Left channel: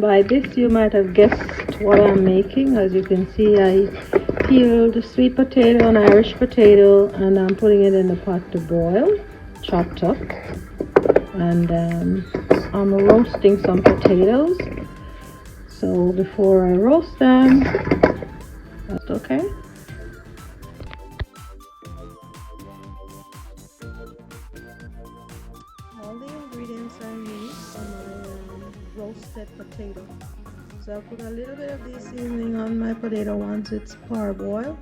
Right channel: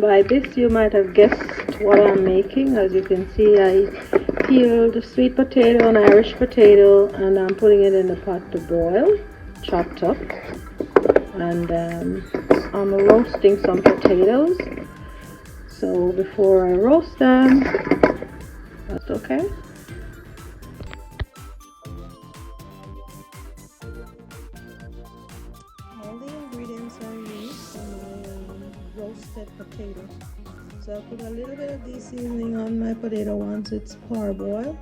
By this you might have guessed what I'm making. As you can see, I peeled the sweet potato and Irish potato and I'm putting it in the pot to boil, chopped up. And I'm roasting some potatoes. So before I roast them, that's okay. All the ingredients are used on my roasted potato. So I'll put a little bit of this seasoning on my potato once it's parboiled.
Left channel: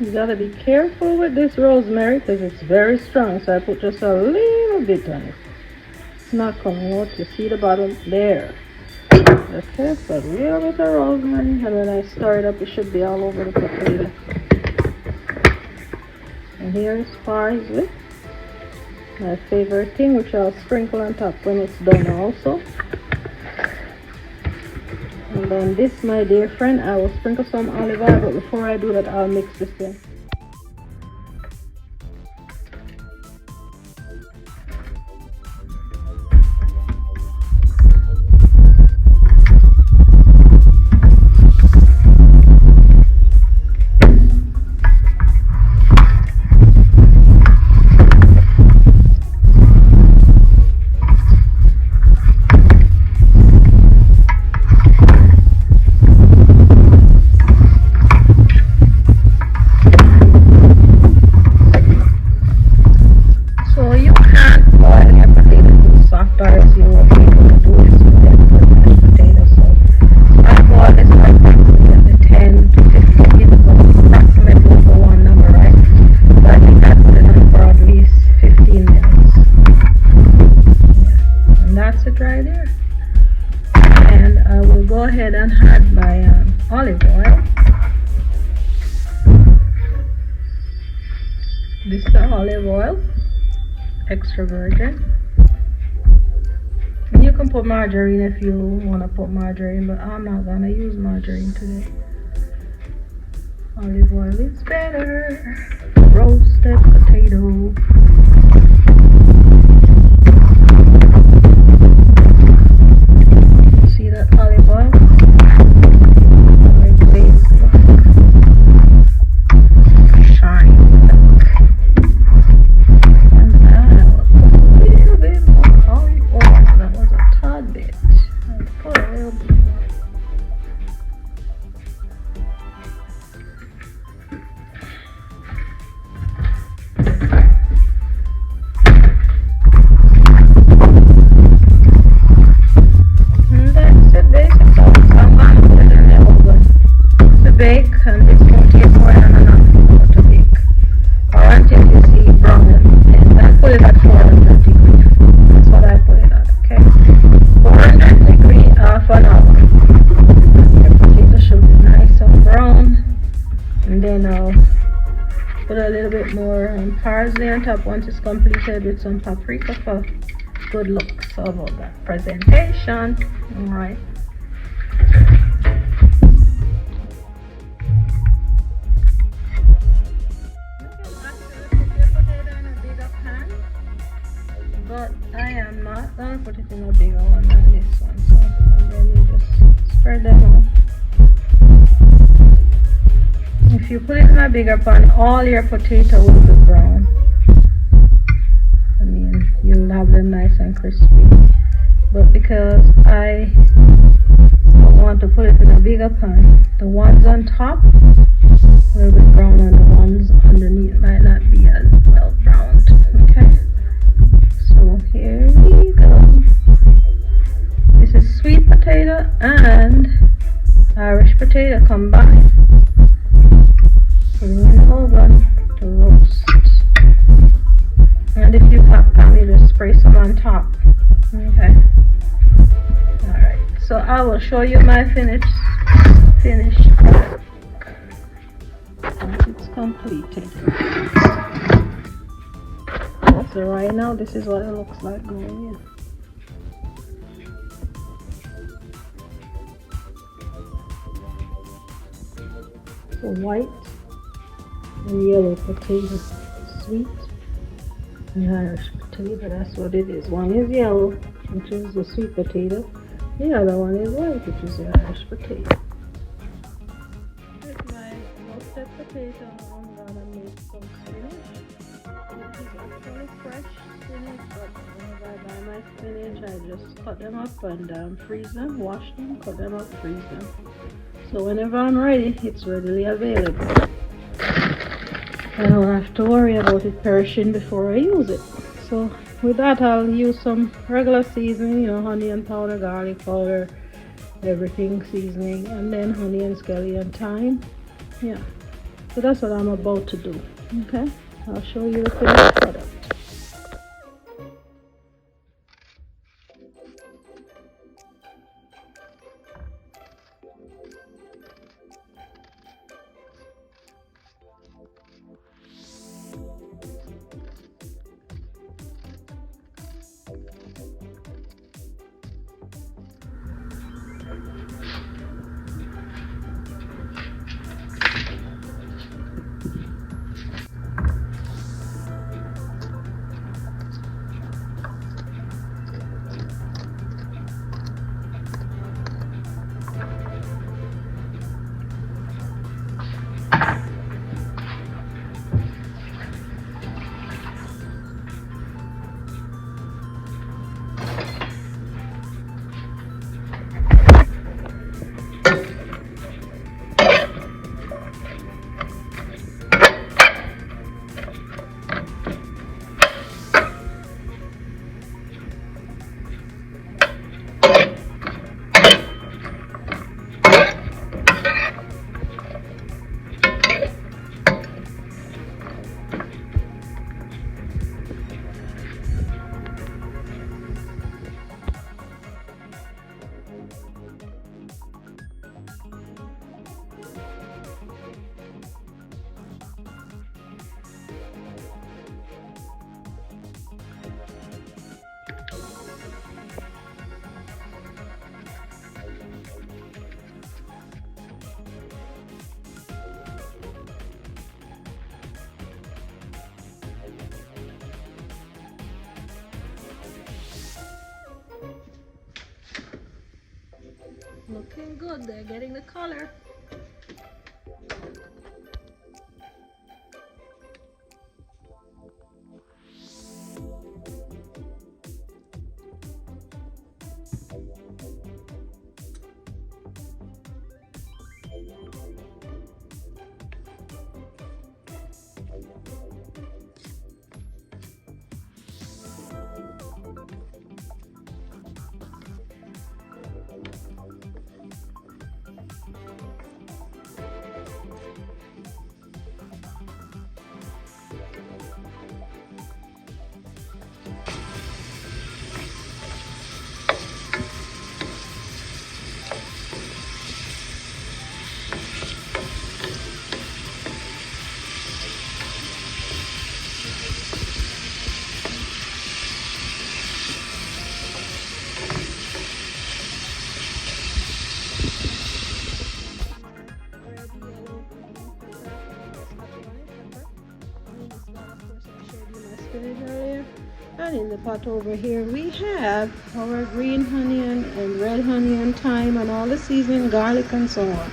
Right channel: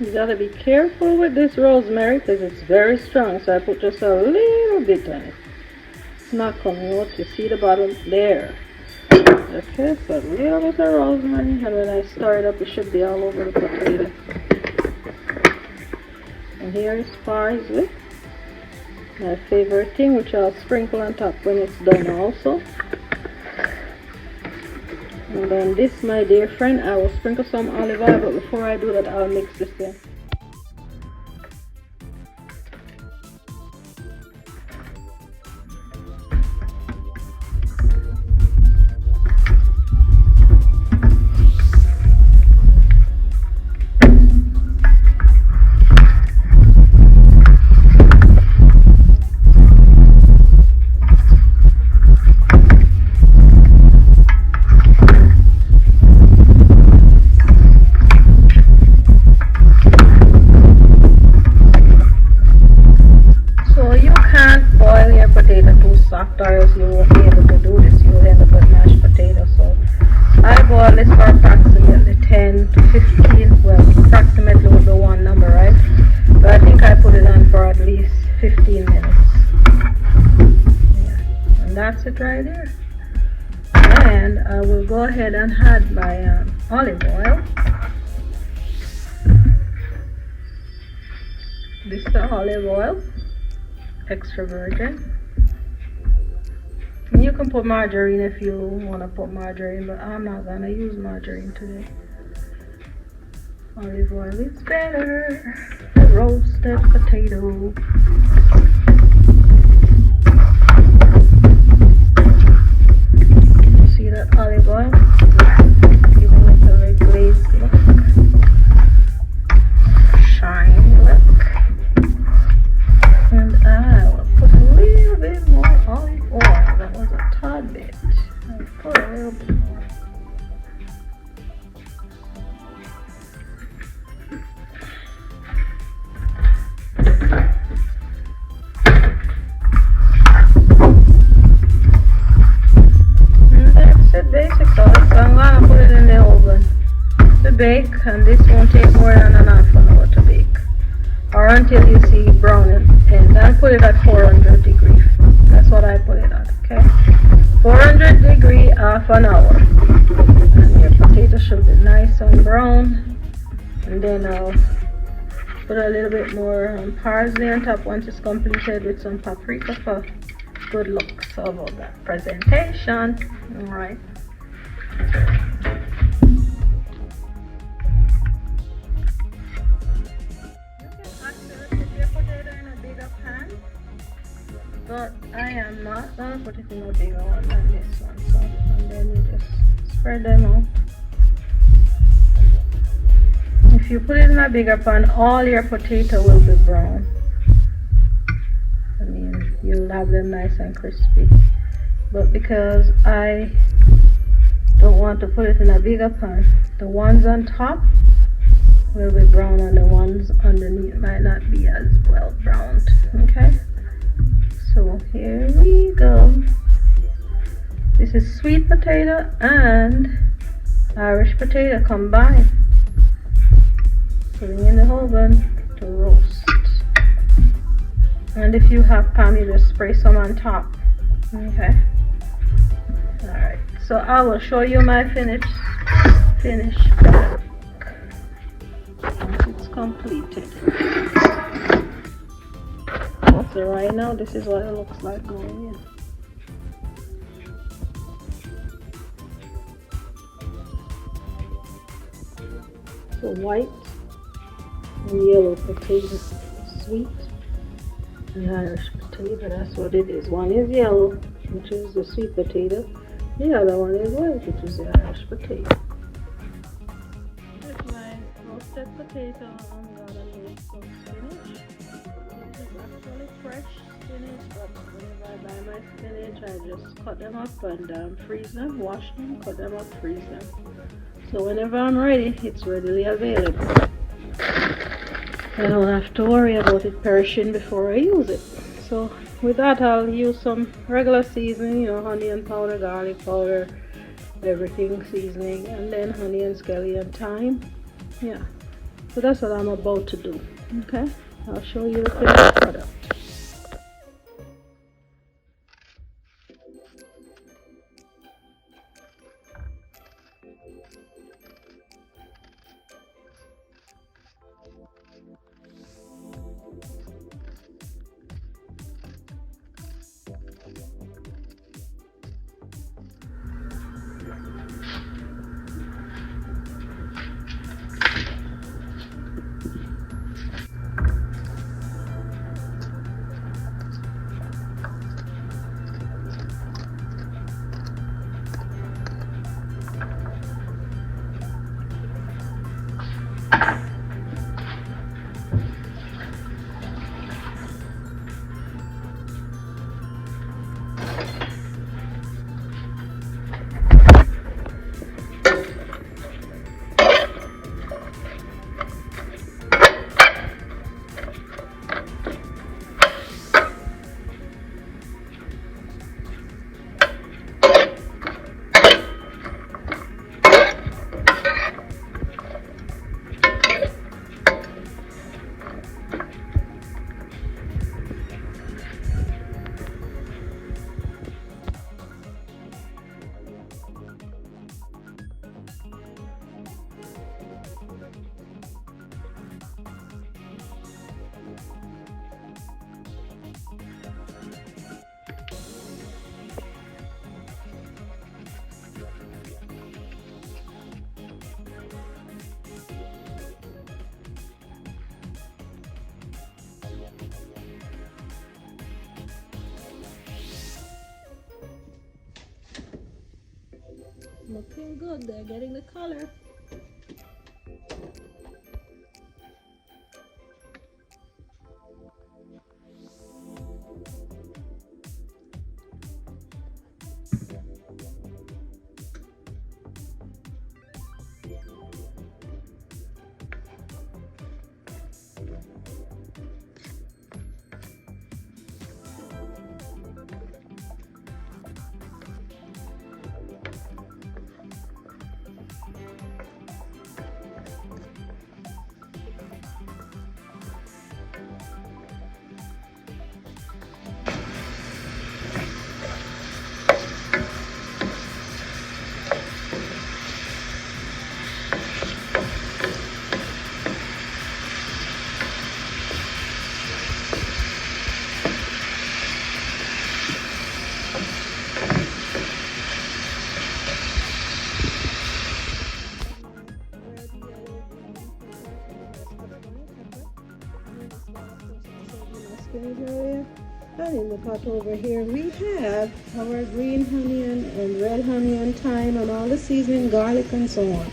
You gotta be careful with this rosemary because it's very strong, so I put just a little bit on it. It's not coming out. You see the bottom there. Okay, so a little bit of rosemary, and when I stir it up, it should be all over the potato. And here is parsley, my favorite thing, which I'll sprinkle on top when it's done also. And on this, my dear friend, I will sprinkle some olive oil, but before I do that, I'll mix this in. This is the olive oil, extra virgin. You can put margarine if you want to put margarine, but I'm not going to use margarine today. Olive oil is better. Roasted potato. See that olive oil? Very glazed. Shine. And add a little bit more olive oil. That was a tad bit. Pour a little bit more. Once it's completed with some paprika for good look. So presentation, alright. But I am not going to put it in a big one like this one. And then you just spread them out. If you put it in a bigger pan, all your potato will be brown. You'll have them nice and crispy. But because I don't want to put it in a bigger pan, the ones on top will be brown and the ones underneath might not be as well browned. Okay? So here we go. This is sweet potato and Irish potato combined. In the oven to roast. And if you have pan, you just spray some on top. Okay. Alright. So I will show you my finish. Once it's completed. So right now this is what it looks like going in. So white and yellow potato. Sweet. And Irish potato, that's what it is. One is yellow, which is the sweet potato. The other one is white, which is the Irish potato. Here's my roasted potato. Fresh spinach. I just cut them up, put them down, freeze them, wash them, put them up, freeze them. So whenever I'm ready, it's readily available. I don't have to worry about it perishing before I use it. So with that, I'll use some regular seasoning, onion powder, garlic powder, everything seasoning, and then honey and scallion and thyme. Yeah, so that's what I'm about to do. Okay, I'll show you the finished product. Looking good. They're getting the color. And in the pot over here we have our green onion and red onion, thyme, and all the seasoning, garlic and so on.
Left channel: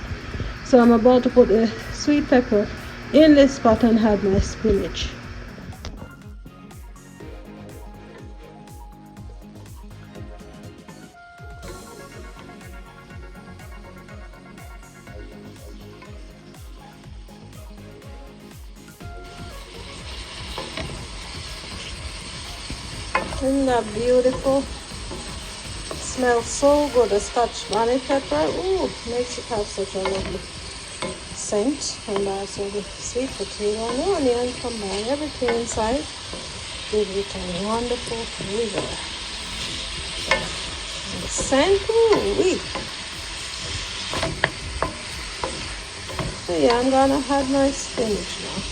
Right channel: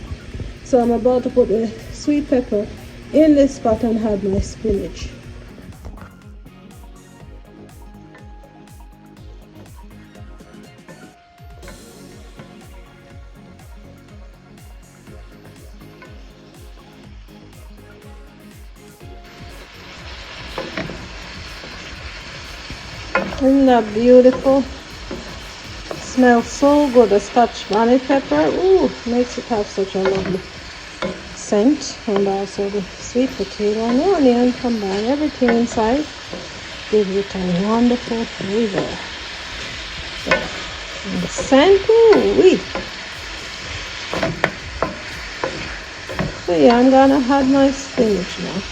So I'm about to put the sweet pepper in this pot and add my spinach. Isn't that beautiful? Smells so good. The Scotch bonnet pepper, ooh, makes it have such a lovely scent. And also the sweet potato and the onion, combine everything inside, gives it a wonderful flavor. And the scent, ooh, so yeah, I'm gonna add my spinach now.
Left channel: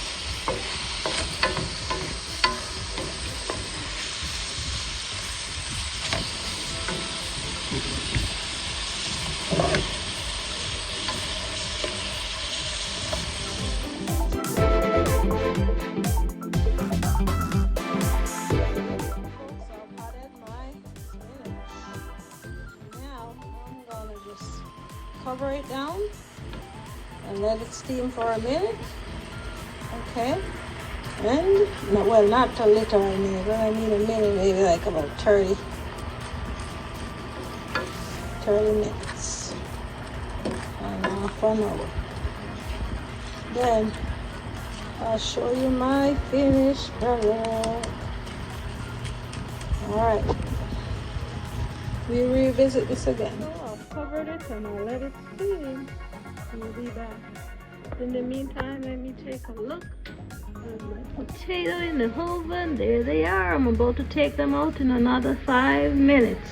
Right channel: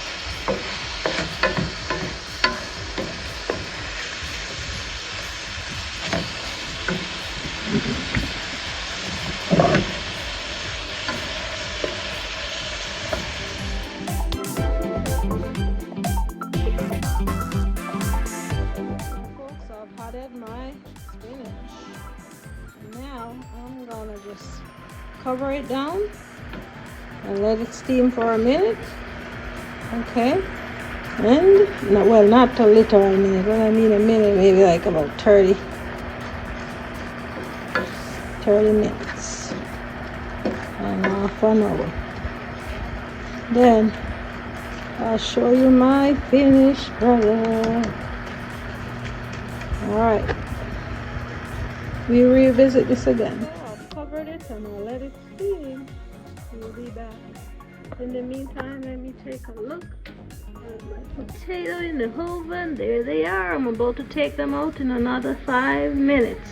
Cover it down and let it steam for a minute. Okay, and no, well, not a little minute, but I mean a minute, maybe like about 30 minutes and half an hour. Then I'll show you my finished product. All right, we revisit this again. Covered it and I'll let it steam. We'll be back. In the meantime, let me take a look. Potato in the oven. There they are. I'm about to take them out in another 5 minutes.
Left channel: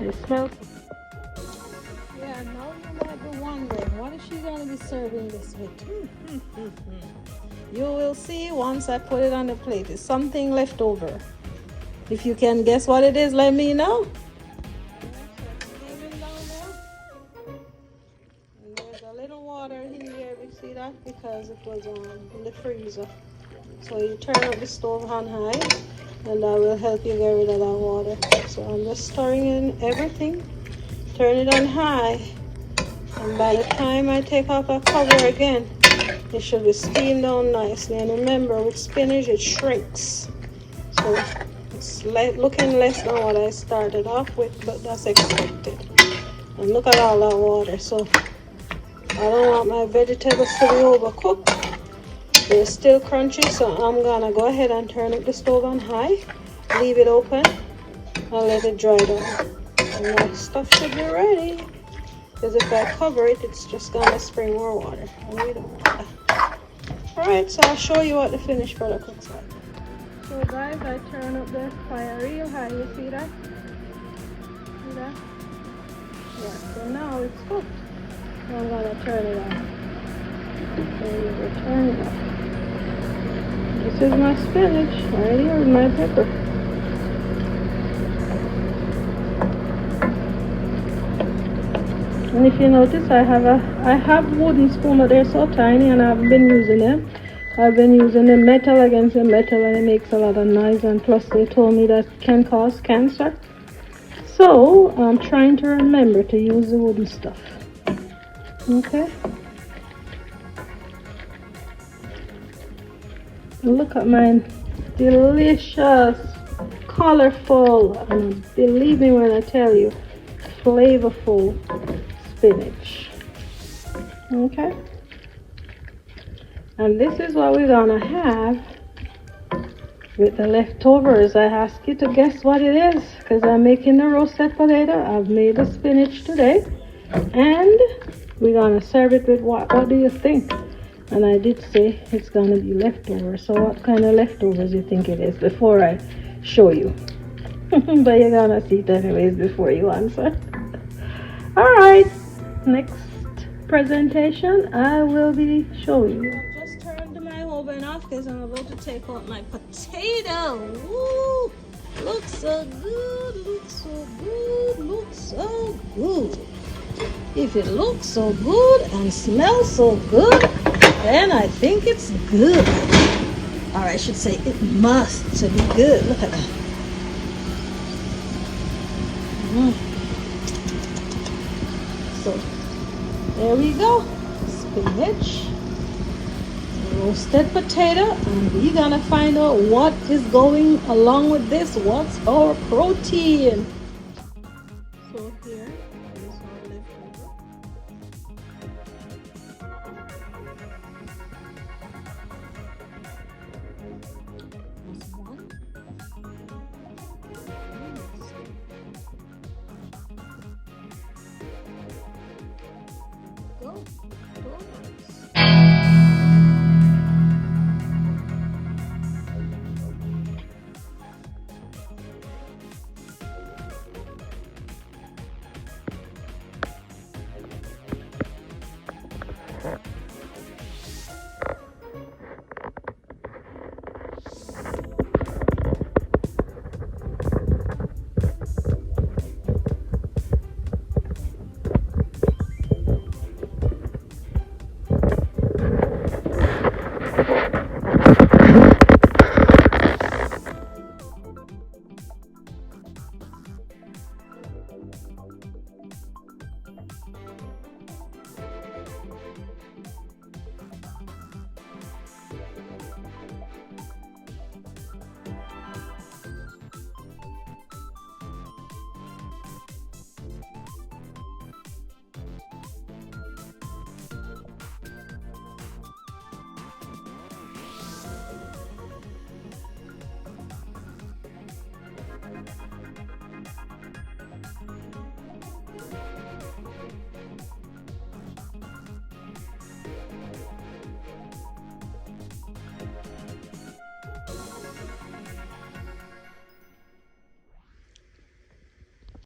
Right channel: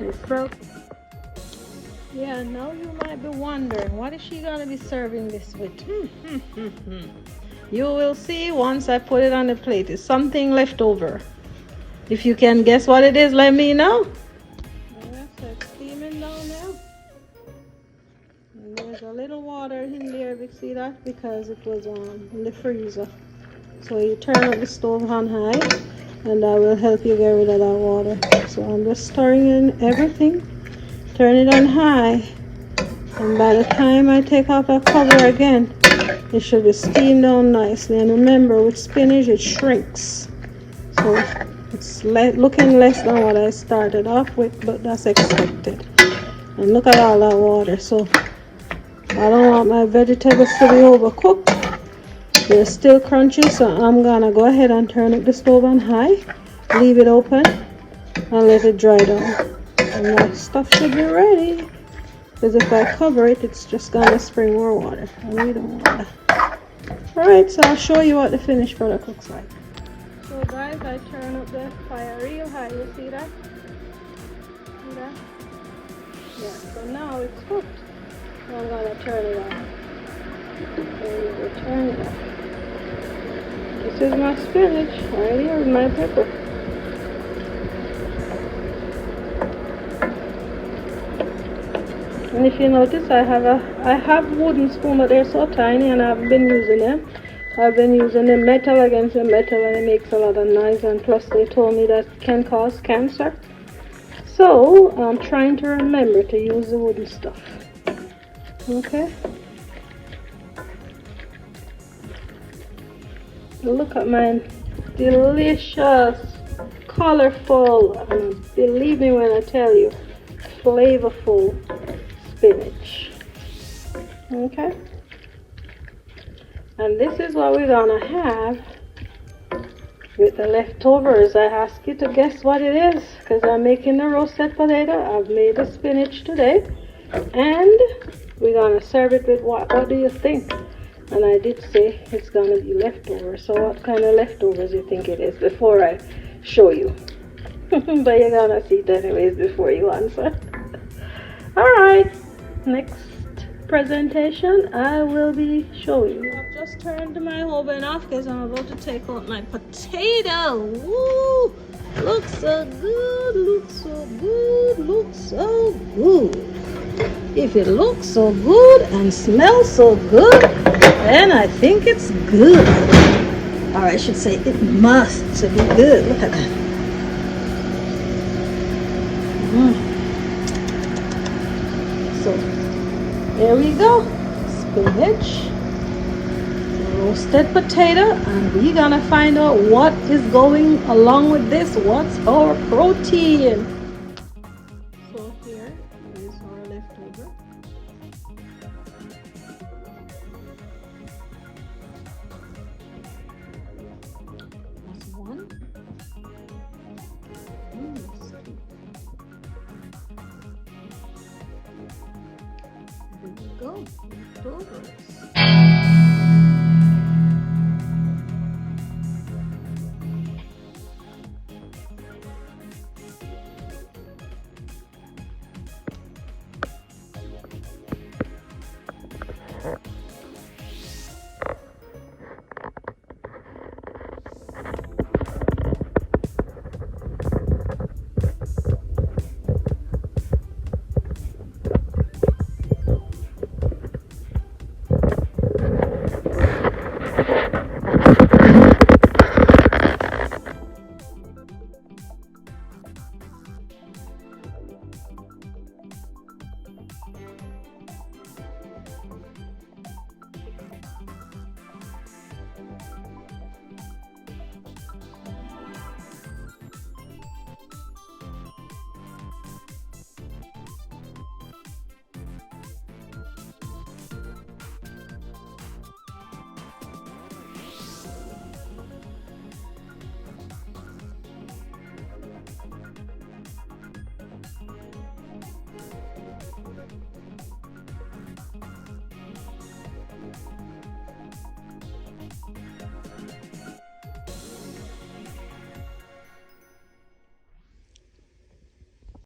They smell. Yeah, now you might be wondering, what is she gonna be serving this with? You will see once I put it on the plate. It's something left over. If you can guess what it is, let me know. A little water in there, you see that, because it was in the freezer. So you turn up the stove on high and that will help you get rid of that water. So I'm just stirring in everything, turn it on high, and by the time I take out that cover again, it should be steamed down nicely. And remember, with spinach it shrinks, so it's looking less than what I started off with, but that's expected. And look at all that water. So I don't want my vegetables to be overcooked. They're still crunchy, so I'm gonna go ahead and turn up the stove on high, leave it open, and let it dry down. And that stuff should be ready. Because if I cover it, it's just gonna spring more water, and we don't want that. Alright, so I'll show you what the finished product looks like. So guys, I turn up the fire real high. You see that? See that? Yeah, so now it's cooked. I'm going to turn it on. Turn it on. This is my spinach right here with my pepper. And if you notice, I have wooden spoon, but they're so tiny and I haven't been using them. I've been using the metal against the metal and it makes a lot of noise, and plus they told me that can cause cancer. So So I'm trying to remember to use the woody stuff. Okay. Look at my delicious, colorful, and believe me when I tell you, flavorful spinach. Okay. And this is what we're gonna have with the leftovers. I ask you to guess what it is because I'm making the roasted potato. I've made the spinach today, and we're gonna serve it with what do you think? And I did say it's gonna be leftovers. So what kind of leftovers do you think it is before I show you? But you're gonna see it anyways before you answer. All right, next presentation I will be showing you. I've just turned my oven off because I'm about to take out my potato. Woo! Looks so good, looks so good, looks so good. If it looks so good and smells so good, then I think it's good. Or I should say it must be good. Look at that. So there we go. Spinach, roasted potato, and we're gonna find out what is going along with this. What's our protein? So here is our leftover. That's one. There we go. Leftovers.